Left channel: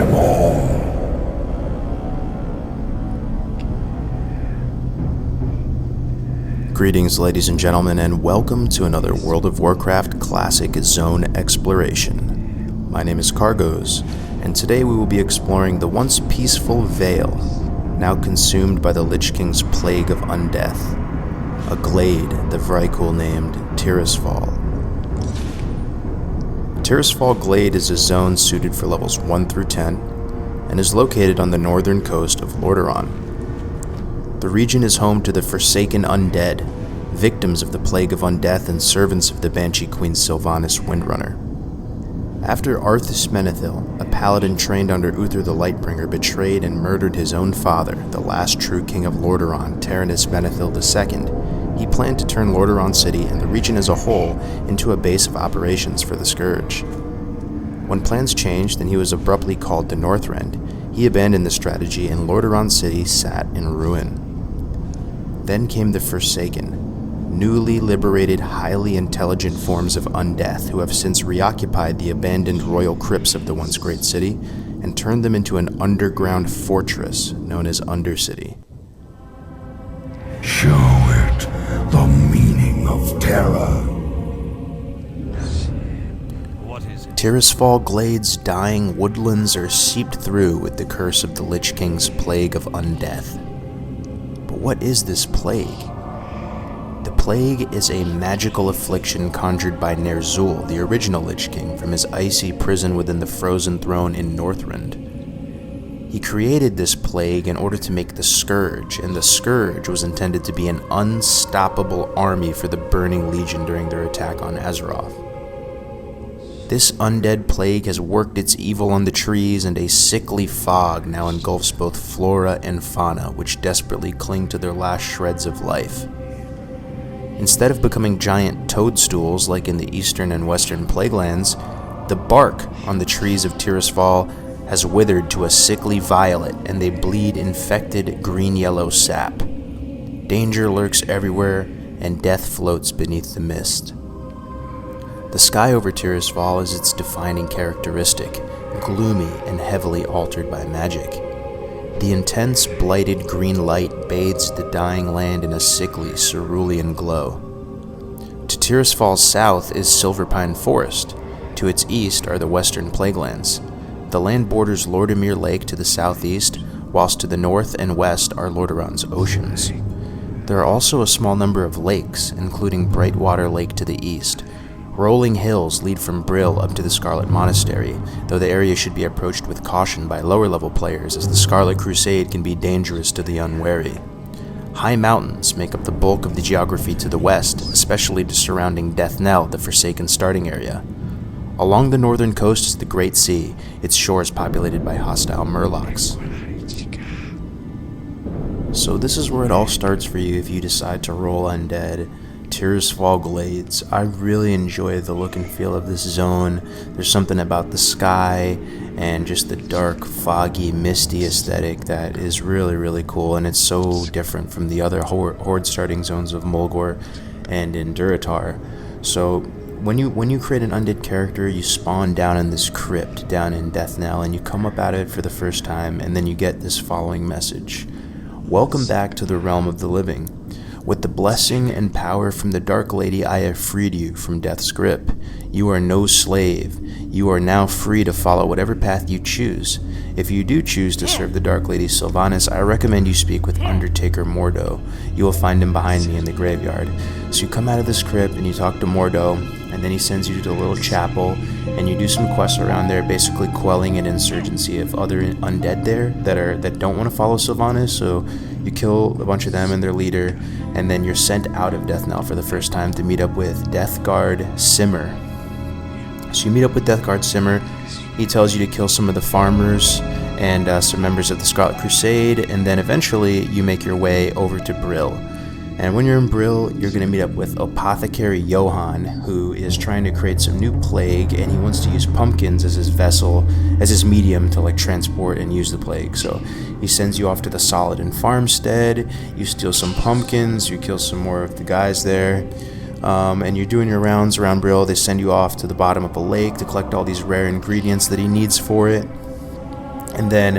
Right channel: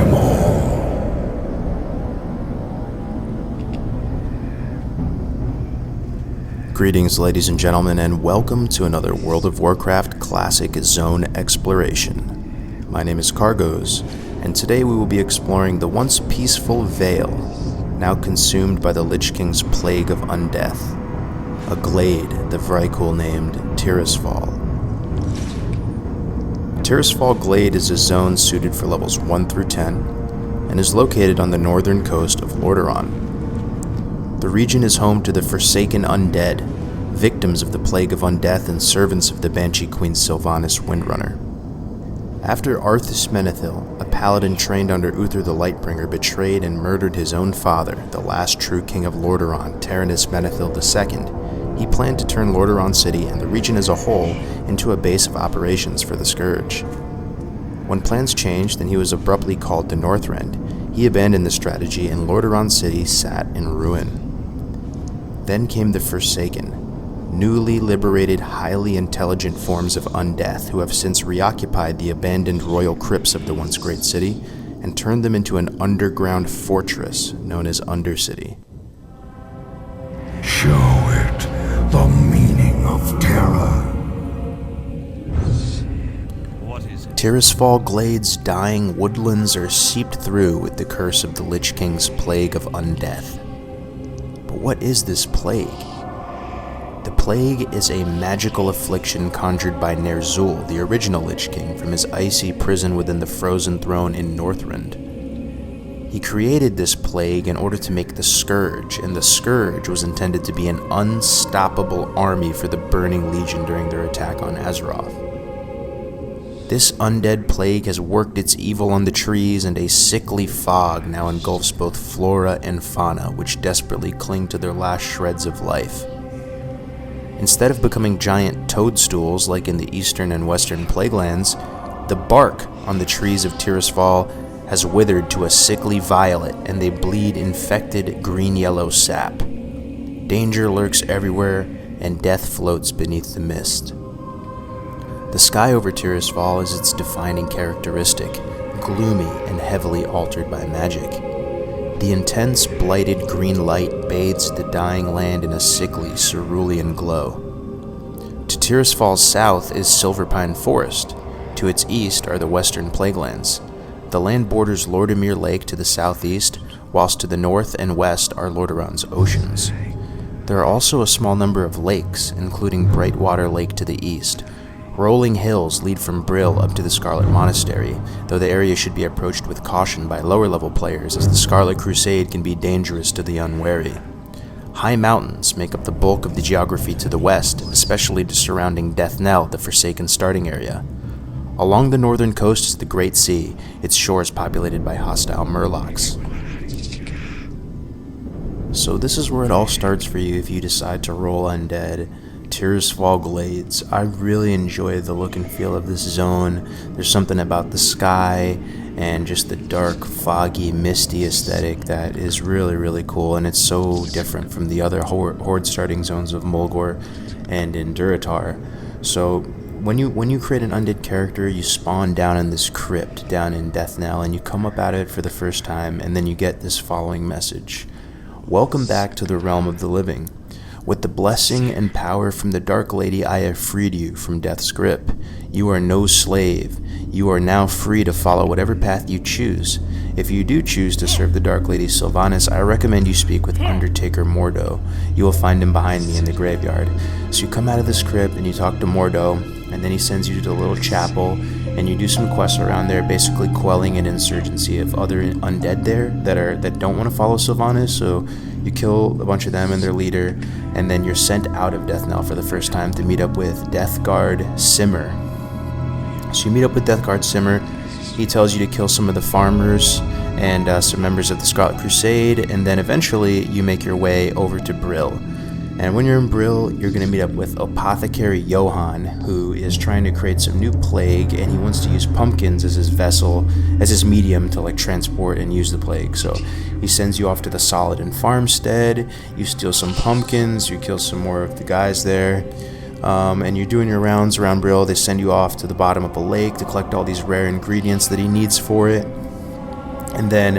them all. Greetings, ladies and gentlemen, and welcome to another World of Warcraft Classic Zone Exploration. My name is Cargos, and today we will be exploring the once peaceful Vale, now consumed by the Lich King's plague of undeath, a glade the Vrykul named Tirisfal. Tirisfal Glade is a zone suited for levels 1 through 10, and is located on the northern coast of Lordaeron. The region is home to the Forsaken Undead, victims of the Plague of Undeath and servants of the Banshee Queen Sylvanas Windrunner. After Arthas Menethil, a paladin trained under Uther the Lightbringer, betrayed and murdered his own father, the last true king of Lordaeron, Taranis Menethil II, he planned to turn Lordaeron City and the region as a whole into a base of operations for the Scourge. When plans changed and he was abruptly called to Northrend, he abandoned the strategy and Lordaeron City sat in ruin. Then came the Forsaken, newly liberated, highly intelligent forms of undeath who have since reoccupied the abandoned royal crypts of the once great city and turned them into an underground fortress known as Undercity. Show it the meaning of terror. What is it? Tirisfal Glade's dying woodlands are seeped through with the curse of the Lich King's plague of undeath. But what is this plague? The plague is a magical affliction conjured by Ner'zhul, the original Lich King, from his icy prison within the Frozen Throne in Northrend. He created this plague in order to make the Scourge, and the Scourge was intended to be an unstoppable army for the Burning Legion during their attack on Azeroth. This undead plague has worked its evil on the trees, and a sickly fog now engulfs both flora and fauna, which desperately cling to their last shreds of life. Instead of becoming giant toadstools like in the eastern and western plaguelands, the bark on the trees of Tirisfal has withered to a sickly violet, and they bleed infected green-yellow sap. Danger lurks everywhere, and death floats beneath the mist. The sky over Tirisfal is its defining characteristic, gloomy and heavily altered by magic. The intense, blighted green light bathes the dying land in a sickly, cerulean glow. To Tirisfal's south is Silverpine Forest. To its east are the western plaguelands. The land borders Lordamere Lake to the southeast, whilst to the north and west are Lordaeron's oceans. There are also a small number of lakes, including Brightwater Lake to the east. Rolling hills lead from Brill up to the Scarlet Monastery, though the area should be approached with caution by lower-level players, as the Scarlet Crusade can be dangerous to the unwary. High mountains make up the bulk of the geography to the west, especially the surrounding Death Knell, the Forsaken starting area. Along the northern coast is the Great Sea, its shores populated by hostile murlocs. So this is where it all starts for you if you decide to roll undead. Tirisfal Glades. I really enjoy the look and feel of this zone. There's something about the sky and just the dark, foggy, misty aesthetic that is really, really cool, and it's so different from the other horde starting zones of Mulgore and in Durotar. So when you create an undead character, you spawn down in this crypt down in Death Knell, and you come up out of it for the first time, and then you get this following message. Welcome back to the realm of the living. With the blessing and power from the Dark Lady, I have freed you from death's grip. You are no slave. You are now free to follow whatever path you choose. If you do choose to serve the Dark Lady Sylvanas, I recommend you speak with Undertaker Mordo. You will find him behind me in the graveyard. So you come out of this crypt and you talk to Mordo, and then he sends you to the little chapel, and you do some quests around there, basically quelling an insurgency of other undead there that don't want to follow Sylvanas. So you kill a bunch of them and their leader, and then you're sent out of Death Knell for the first time to meet up with Death Guard Simmer. So you meet up with Death Guard Simmer. He tells you to kill some of the farmers and some members of the Scarlet Crusade, and then eventually you make your way over to Brill. And when you're in Brill, you're going to meet up with Apothecary Johan, who is trying to create some new plague, and he wants to use pumpkins as his vessel, as his medium to transport and use the plague. So he sends you off to the Solidin farmstead, you steal some pumpkins, you kill some more of the guys there, and you're doing your rounds around Brill. They send you off to the bottom of a lake to collect all these rare ingredients that he needs for it. And then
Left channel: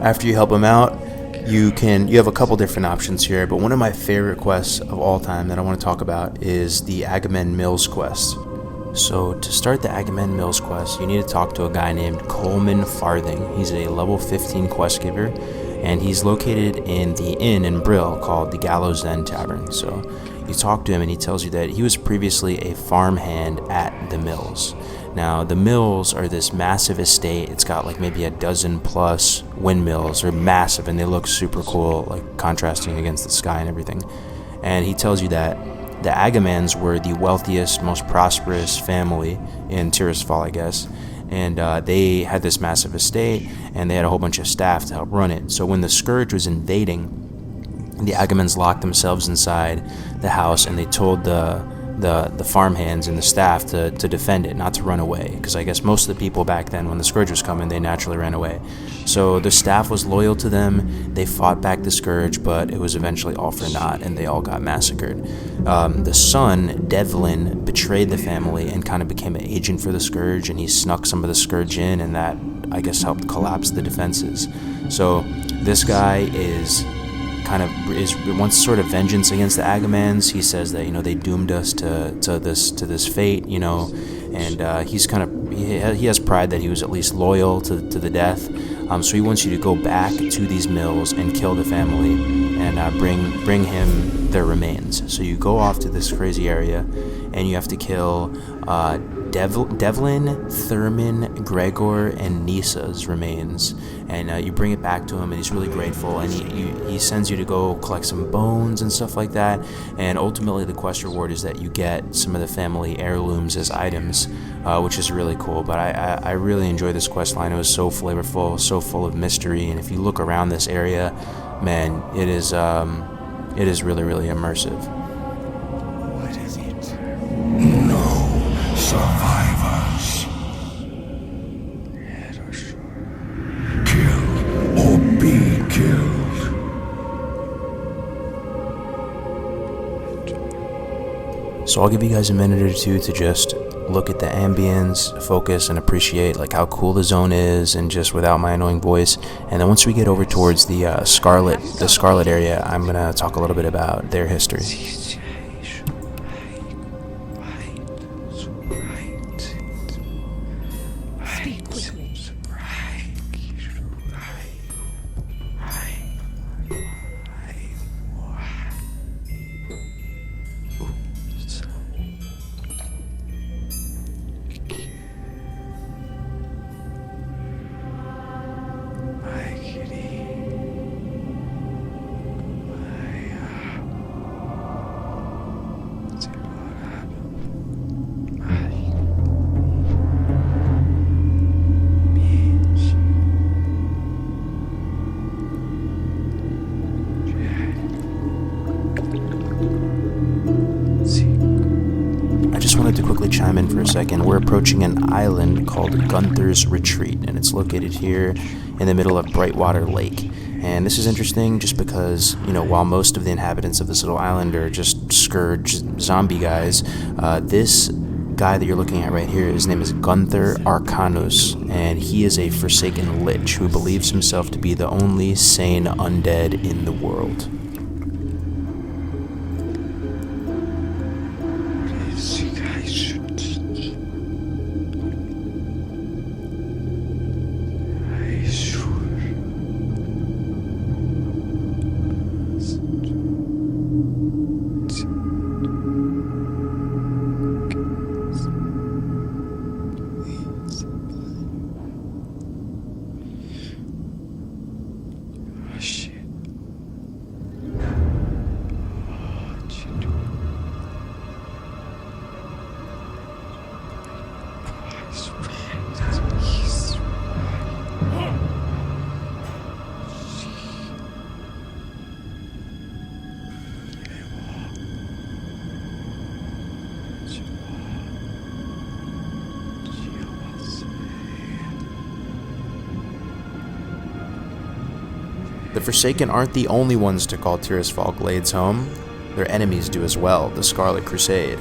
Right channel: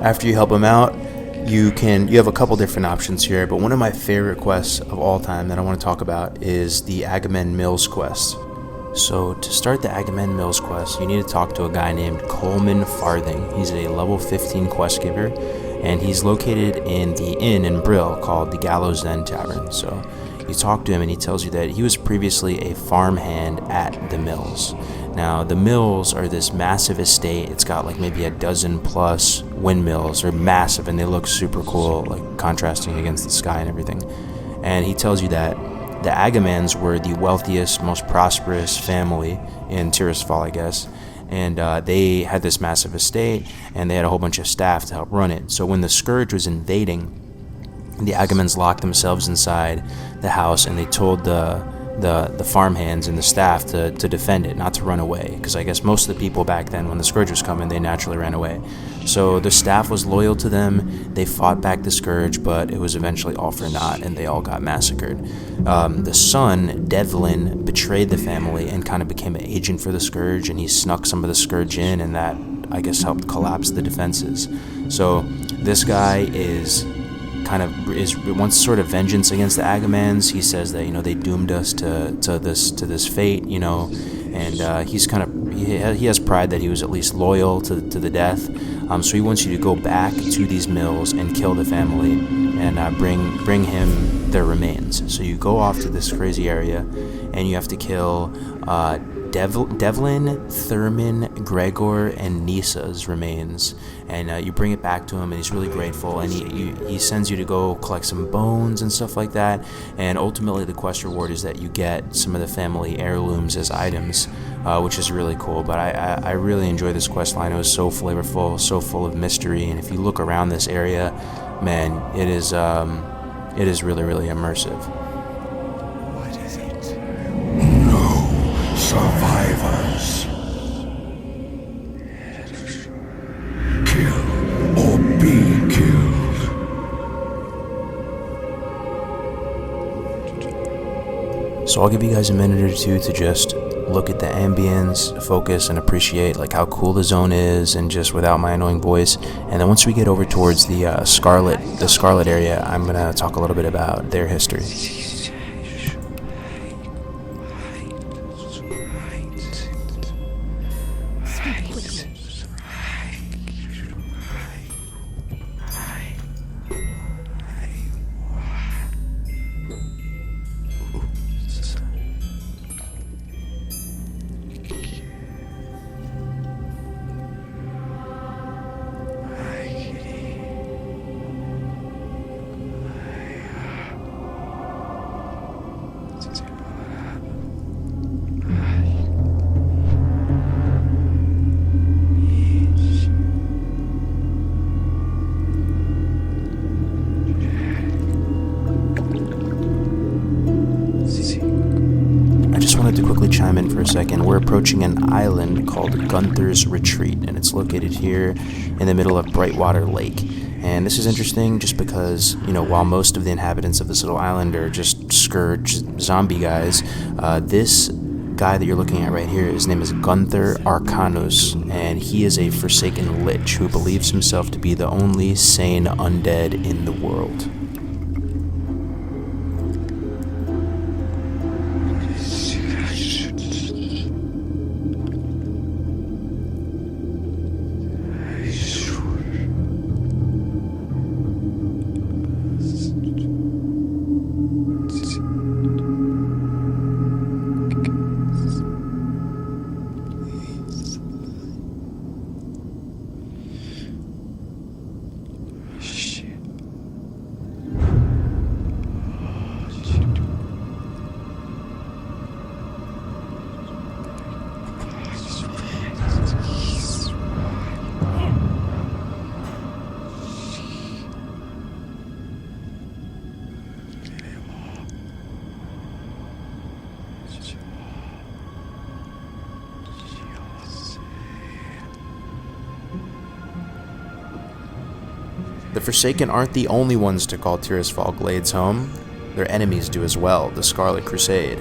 after you help him out, you have a couple different options here, but one of my favorite quests of all time that I want to talk about is the Agamemnon Mills quest. So to start the Agamemnon Mills quest, you need to talk to a guy named Coleman Farthing. He's a level 15 quest giver, and he's located in the inn in Brill called the Gallows End Tavern. So you talk to him and he tells you that he was previously a farmhand at the mills. Now, the mills are this massive estate. It's got like maybe a dozen plus windmills. They're massive and they look super cool, like contrasting against the sky and everything. And he tells you that the Agamemnons were the wealthiest, most prosperous family in Tirisfal, I guess. And they had this massive estate, and they had a whole bunch of staff to help run it. So when the Scourge was invading, the Agamemnons locked themselves inside the house, and they told the farmhands and the staff to defend it, not to run away, because I guess most of the people back then, when the Scourge was coming, they naturally ran away. So the staff was loyal to them. They fought back the Scourge, but it was eventually all for naught, and they all got massacred. The son, Devlin, betrayed the family and kind of became an agent for the Scourge, and he snuck some of the Scourge in, and that, I guess, helped collapse the defenses. So this guy wants sort of vengeance against the Agamemnons. He says that they doomed us to this fate, and he has pride that he was at least loyal to the death. So he wants you to go back to these mills and kill the family and bring him their remains. So you go off to this crazy area and you have to kill Devlin, Thurman, Gregor, and Nisa's remains, and you bring it back to him, and he's really grateful, and he sends you to go collect some bones and stuff like that, and ultimately the quest reward is that you get some of the family heirlooms as items, which is really cool. But I really enjoyed this quest line. It was so flavorful, so full of mystery, and if you look around this area, man, it is really, really immersive. What is it? No survivors. Kill or be killed. So I'll give you guys a minute or two to just look at the ambience, focus, and appreciate like how cool the zone is, and just without my annoying voice. And then once we get over towards the Scarlet area, I'm gonna talk a little bit about their history. I just wanted to quickly chime in for a second. We're approaching an island called Gunther's Retreat, and it's located here in the middle of Brightwater Lake. And this is interesting just because, while most of the inhabitants of this little island are just Scourge zombie guys, this guy that you're looking at right here, his name is Gunther Arcanus, and he is a Forsaken Lich who believes himself to be the only sane undead in the world. The Forsaken aren't the only ones to call Tirisfal Glades home. Their enemies do as well, the Scarlet Crusade.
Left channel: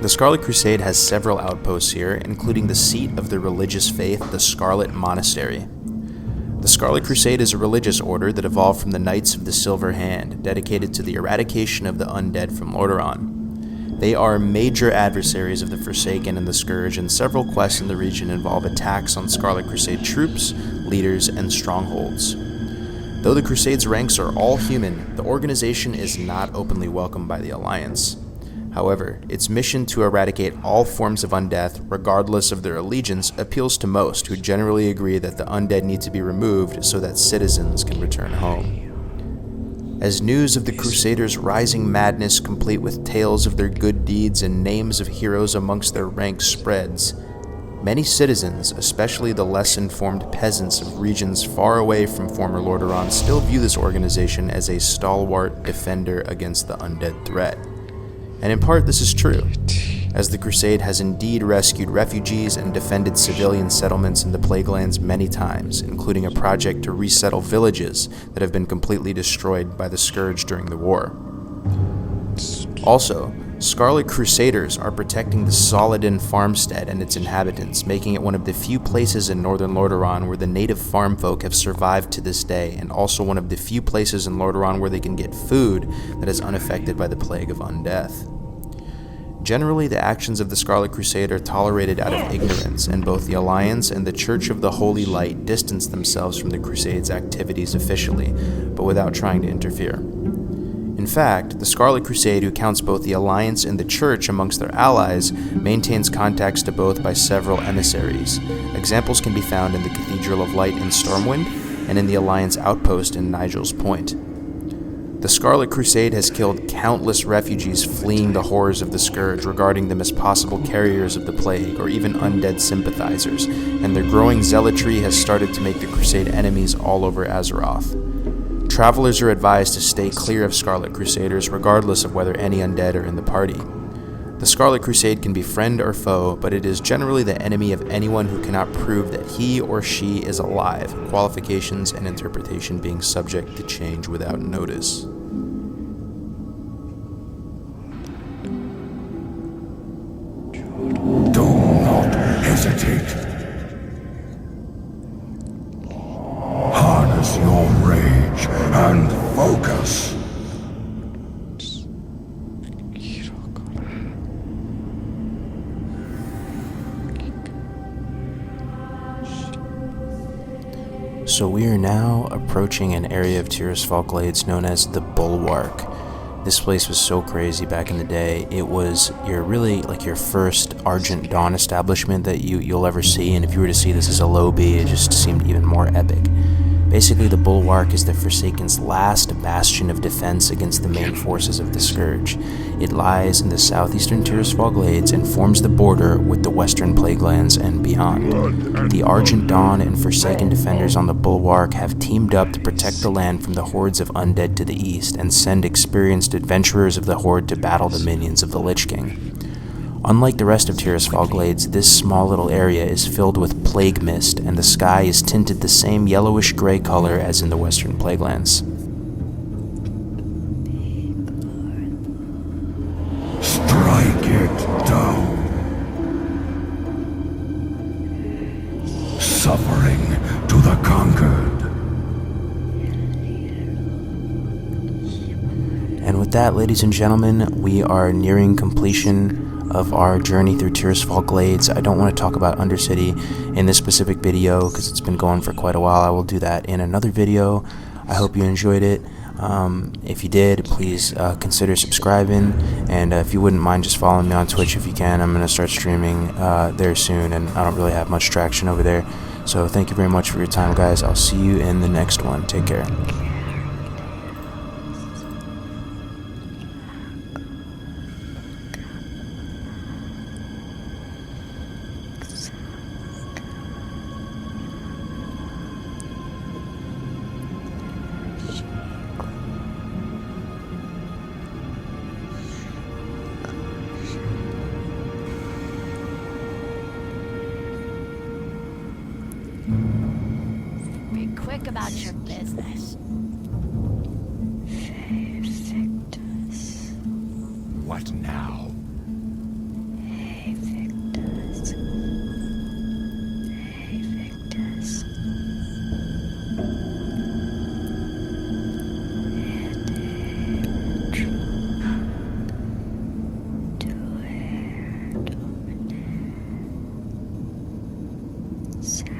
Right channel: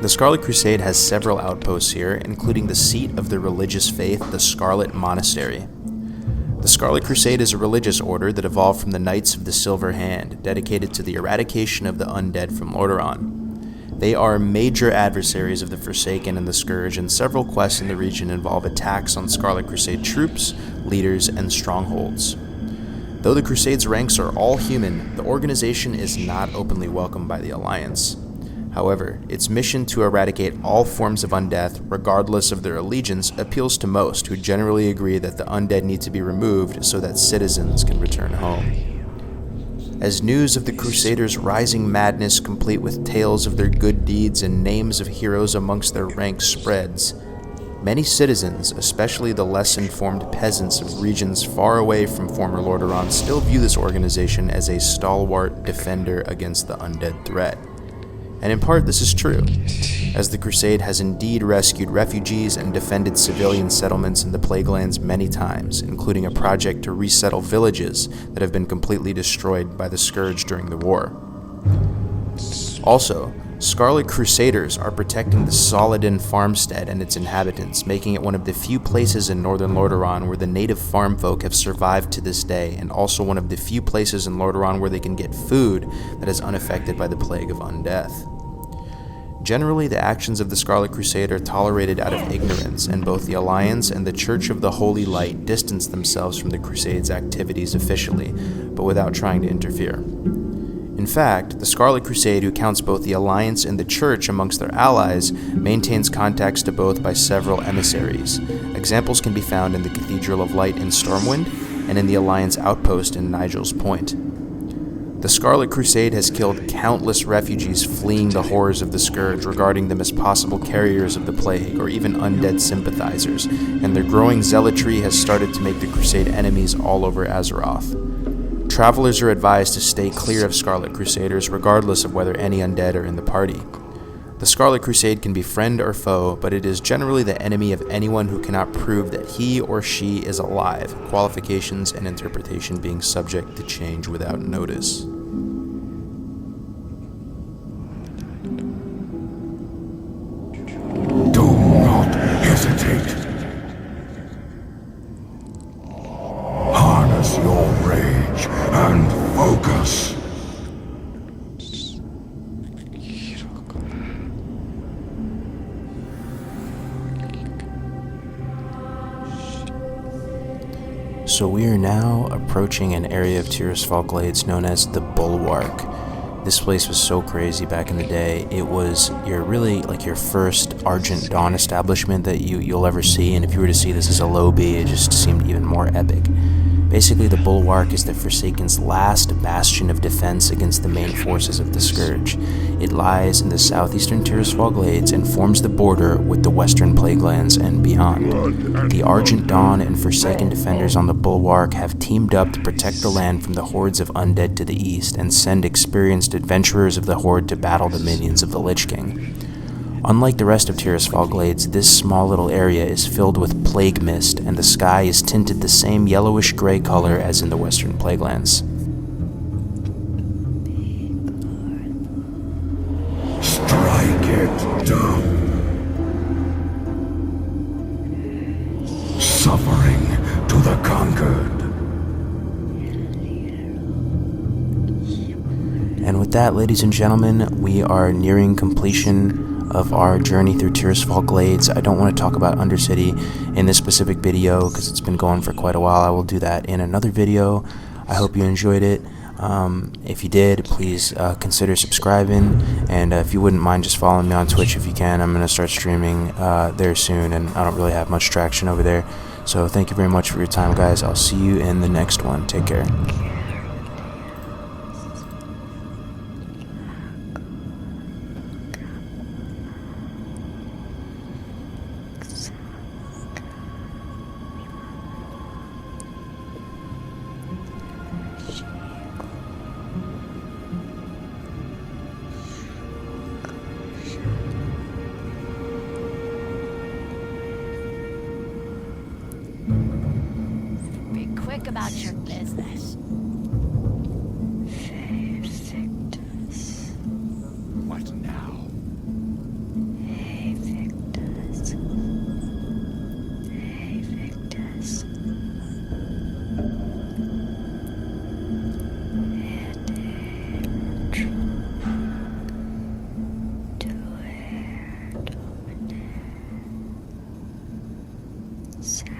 The Scarlet Crusade has several outposts here, including the seat of the religious faith, the Scarlet Monastery. The Scarlet Crusade is a religious order that evolved from the Knights of the Silver Hand, dedicated to the eradication of the undead from Lordaeron. They are major adversaries of the Forsaken and the Scourge, and several quests in the region involve attacks on Scarlet Crusade troops, leaders, and strongholds. Though the Crusade's ranks are all human, the organization is not openly welcomed by the Alliance. However, its mission to eradicate all forms of undeath, regardless of their allegiance, appeals to most, who generally agree that the undead need to be removed so that citizens can return home. As news of the Crusaders' rising madness, complete with tales of their good deeds and names of heroes amongst their ranks, spreads, many citizens, especially the less informed peasants of regions far away from former Lordaeron, still view this organization as a stalwart defender against the undead threat. And in part, this is true, as the Crusade has indeed rescued refugees and defended civilian settlements in the Plaguelands many times, including a project to resettle villages that have been completely destroyed by the Scourge during the war. Also, Scarlet Crusaders are protecting the Soladin farmstead and its inhabitants, making it one of the few places in northern Lordaeron where the native farm folk have survived to this day, and also one of the few places in Lordaeron where they can get food that is unaffected by the plague of undeath. Generally, the actions of the Scarlet Crusade are tolerated out of ignorance, and both the Alliance and the Church of the Holy Light distance themselves from the Crusade's activities officially, but without trying to interfere. In fact, the Scarlet Crusade, who counts both the Alliance and the Church amongst their allies, maintains contacts to both by several emissaries. Examples can be found in the Cathedral of Light in Stormwind, and in the Alliance outpost in Nigel's Point. The Scarlet Crusade has killed countless refugees fleeing the horrors of the Scourge, regarding them as possible carriers of the plague, or even undead sympathizers, and their growing zealotry has started to make the Crusade enemies all over Azeroth. Travelers are advised to stay clear of Scarlet Crusaders, regardless of whether any undead are in the party. The Scarlet Crusade can be friend or foe, but it is generally the enemy of anyone who cannot prove that he or she is alive, qualifications and interpretation being subject to change without notice. Do not hesitate. Harness your rage and focus. So we are now approaching an area of Tirisfal Glades known as the Bulwark. This place was so crazy back in the day. It was your first Argent Dawn establishment that you'll ever see, and if you were to see this as a low B, it just seemed even more epic. Basically, the Bulwark is the Forsaken's last bastion of defense against the main forces of the Scourge. It lies in the southeastern Tirisfal Glades and forms the border with the western Plaguelands and beyond. The Argent Dawn and Forsaken defenders on the Bulwark have teamed up to protect the land from the hordes of undead to the east and send experienced adventurers of the Horde to battle the minions of the Lich King. Unlike the rest of Tirisfal Glades, this small little area is filled with plague mist, and the sky is tinted the same yellowish-gray color as in the western Plaguelands. Strike it down. Suffering to the conquered. And with that, ladies and gentlemen, we are nearing completion of our journey through Tirisfal Glades. I don't want to talk about Undercity in this specific video because it's been going for quite a while. I will do that in another video. I hope you enjoyed it. If you did, please consider subscribing, and if you wouldn't mind just following me on Twitch if you can. I'm going to start streaming there soon, and I don't really have much traction over there. So thank you very much for your time, guys. I'll see you in the next one. Take care. Be quick about your business. What now? sound.